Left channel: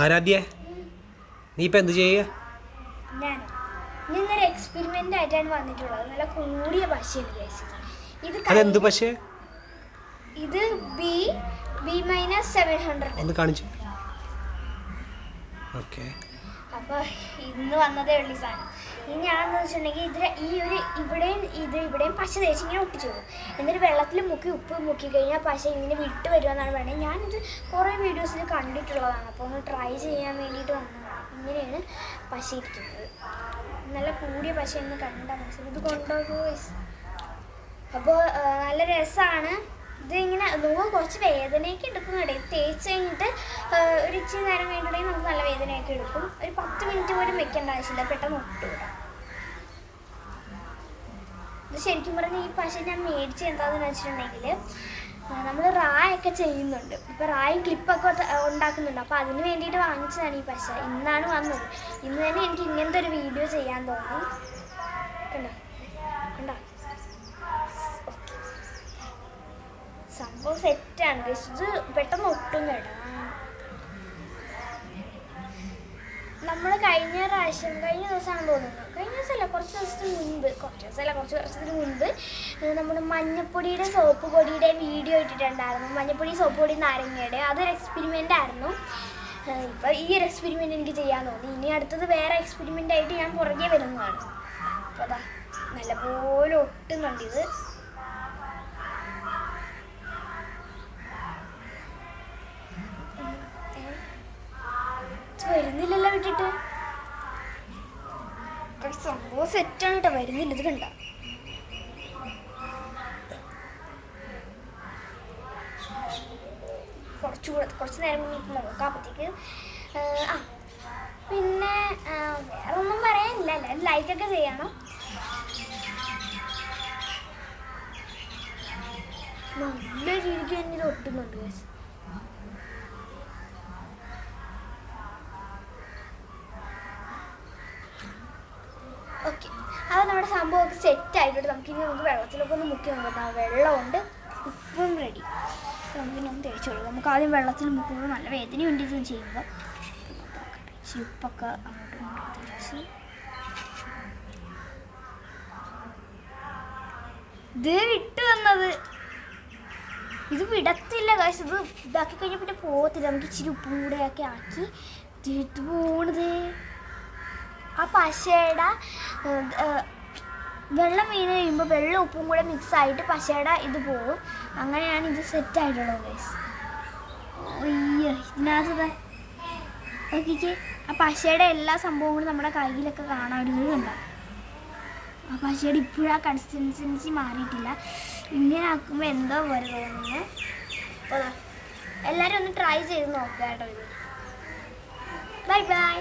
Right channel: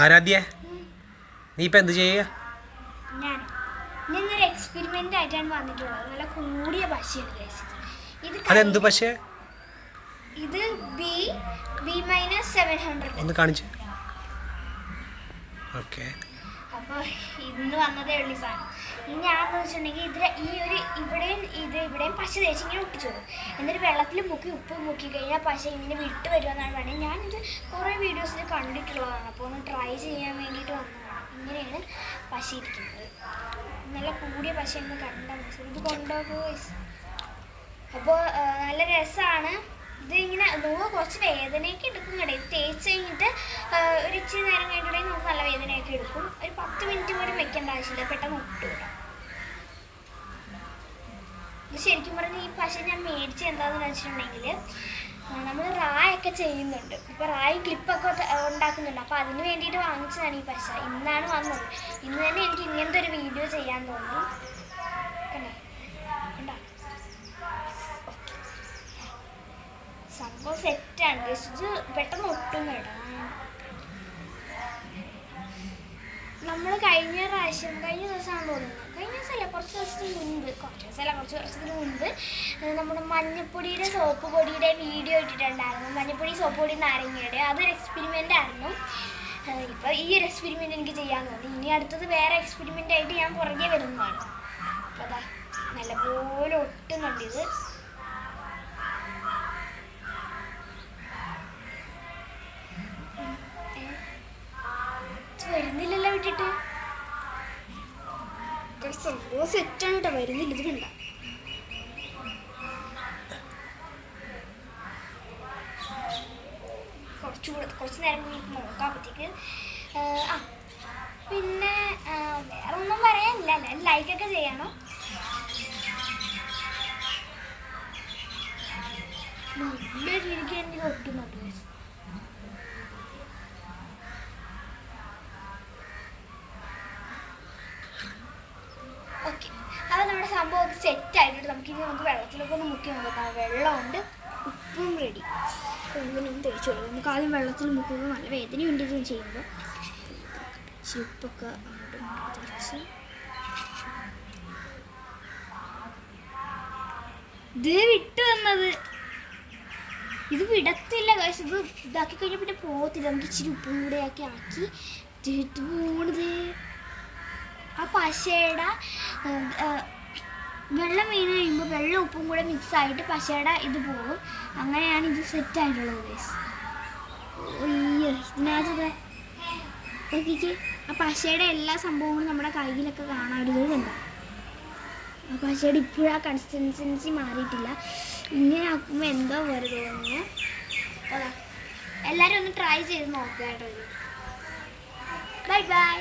ആരാധ്യ? നീ ഇപ്പൊ എന്ത് ചെയ്യുക? ആയിട്ടാണ് വന്നിട്ടുള്ളത്. നല്ല കൂടിയ പശയാണ്. ഇത് അതെന്ത് പക്ഷേ ഇത് B B minus seven hundred ഒന്ന് കാണിച്ചു. ഓക്കെ അപ്പോൾ ഇന്ന് വന്നതേ ഉള്ളൂ സാധനം. ഇനി ഞാനെന്ന് വെച്ചിട്ടുണ്ടെങ്കിൽ ഇതിൽ ഈ ഒരു ഇവിടെയും ഇത് ഇവിടെയും പശ തേച്ച് ഇങ്ങനെ ഒട്ടിച്ചു വരും എന്നിട്ട് വെള്ളത്തിൽ മുക്കി ഉപ്പ് മുക്കി കഴിഞ്ഞാൽ പശ ഇങ്ങനെ വിട്ട് വരുമെന്നാണ് പറയുന്നത്. ഞാനിത് കുറേ വീഡിയോസിൽ കണ്ടിട്ടുള്ളതാണ്. അപ്പോൾ ഒന്ന് ട്രൈ ചെയ്യാൻ വേണ്ടിയിട്ട് വന്നതാണ്. ഇങ്ങനെയാണ് പശ ഇരിക്കുന്നത്. നല്ല കൂടിയ പശ എന്ന് കണ്ടാൽ മനസ്സിലായി ഇത് കൊണ്ടുപോകുമോ അപ്പോൾ നല്ല രസമാണ്. ഇത് ഇങ്ങനെ നോവ് കുറച്ച് വേദനയൊക്കെ കഴിഞ്ഞിട്ട് ആ, ഒരു ഇച്ചിരി നേരം കഴിഞ്ഞിട്ടുണ്ടെങ്കിൽ നമുക്ക് നല്ല വേദനയൊക്കെ എടുക്കും. ഒരു പത്ത് മിനിറ്റ് പോലും വെക്കേണ്ട ആവശ്യമില്ല. പെട്ടെന്ന് ഒട്ടും കേട്ടോ ഇത് ശരിക്കും പറഞ്ഞാൽ ഈ പശ ഞാൻ മേടിച്ച് എന്താണെന്ന് വെച്ചിട്ടുണ്ടെങ്കിൽ നമ്മൾ റായൊക്കെ ചെയ്യുന്നുണ്ട്. ഇപ്പോൾ റായി ക്ലിപ്പൊക്കെ ഉണ്ടാക്കുന്നുണ്ട്. അപ്പോൾ അതിന് വേണ്ടിയിട്ട് വാങ്ങിച്ചതാണ് ഈ പശ. ഇന്നാണ് വന്നത്. ഇന്ന് തന്നെ എനിക്ക് ഇങ്ങനത്തെ ഒരു വീഡിയോ ചെയ്യാൻ തോന്നി. കണ്ടോ? കണ്ടോ? സംഭവം സെറ്റാണ് ജസ്റ്റ് ഇത് പെട്ടെന്ന് ഒട്ടും കേട്ടോ നമ്മൾ കഴിഞ്ഞ പ്രാവശ്യം കഴിഞ്ഞ ദിവസമാണ് തോന്നുന്നത് കഴിഞ്ഞ ദിവസമല്ല കുറച്ച് ദിവസത്തിന് മുൻപ് കുറച്ച് ദിവസമല്ല കുറച്ച് വർഷത്തിന് മുൻപ് നമ്മുടെ മഞ്ഞപ്പൊടിയുടെ സോപ്പ് പൊടിയുടെ വീഡിയോ ഇട്ടിട്ടുണ്ടായിരുന്നു. മഞ്ഞപ്പൊടി സോപ്പ് പൊടി നാരങ്ങയുടെ. അതൊരു എക്സ്പെരിമെന്റ് ആയിരുന്നു. ഇപ്പോൾ ഈ ഒരു എക്സ്പെരിമെന്റ് എനിക്ക് ചെയ്യാൻ തോന്നി. ഇനി അടുത്തത് വേറെ എക്സ്പെരിമെന്റ് ആയിട്ട് ഞാൻ പുറകെ വരുന്നതാണ്. അപ്പോൾ അതാ നല്ലപോലെ ഒട്ടുന്നുണ്ട് ഇത് വരുന്നില്ലല്ലോ വിട്ടിട്ട്. സെറ്റാണ് കേട്ടോ വരുന്നില്ല ഇത് കണ്ട. കുറച്ചുകൂടെ കുറച്ച് നേരം കഴിഞ്ഞിട്ട് നോക്കാമ്പത്തേക്ക് ആ പിന്നെ വേറെ ഒന്നും പറയാനില്ല എല്ലാവരും ലൈക്കൊക്കെ ചെയ്യണം. നല്ല രീതിക്ക് തന്നെ ഇത് ഒട്ടുന്നുണ്ട് guys. ഓക്കെ അപ്പോൾ നമ്മുടെ സംഭവമൊക്കെ സെറ്റ് ആയിട്ടുണ്ട്. നമുക്ക് ഇനി നമുക്ക് വെള്ളത്തിലൊക്കെ ഒന്ന് മുക്കി നോക്കാം. വെള്ളമുണ്ട്. ഉപ്പും റെഡി ഒന്നും തേച്ച് കൊടുക്കും. നമുക്ക് ആദ്യം വെള്ളത്തിൽ മുക്കുമ്പോൾ നല്ല വേദനയുണ്ട് ഇത് ചെയ്യുമ്പോൾ ഇച്ചിരി ഉപ്പൊക്കെ അങ്ങോട്ടും ഇങ്ങോട്ടും ഇത് വിട്ട് വന്നത്. ഇത് വിടത്തില്ല കാശ് ഇത് ഇതാക്കി കഴിഞ്ഞാൽ പിന്നെ പോകത്തില്ല നമുക്ക് ഇച്ചിരി ഉപ്പും കൂടെ ആക്കി ഇത് പോണത്. ആ പശയുടെ വെള്ളം വീണ് കഴിയുമ്പോൾ വെള്ളം ഉപ്പും കൂടെ മിക്സ് ആയിട്ട് പശയുടെ ഇത് പോകും. അങ്ങനെയാണ് ഇത് സെറ്റ് ആയിട്ടുള്ളത് ഇതിനകത്ത് നോക്കിക്ക് ആ പശയുടെ എല്ലാ സംഭവങ്ങളും നമ്മുടെ കയ്യിലൊക്കെ കാണാൻ കണ്ട? ആ പശയുടെ ഇപ്പോഴും ആ കൺസിസ്റ്റൻസി മാറിയിട്ടില്ല. ഇങ്ങനെ ആക്കുമ്പോൾ എന്തോ പോലെ തോന്നുന്നു. എല്ലാവരും ഒന്ന് ട്രൈ ചെയ്ത് നോക്കുക കേട്ടോ ബൈ ബൈ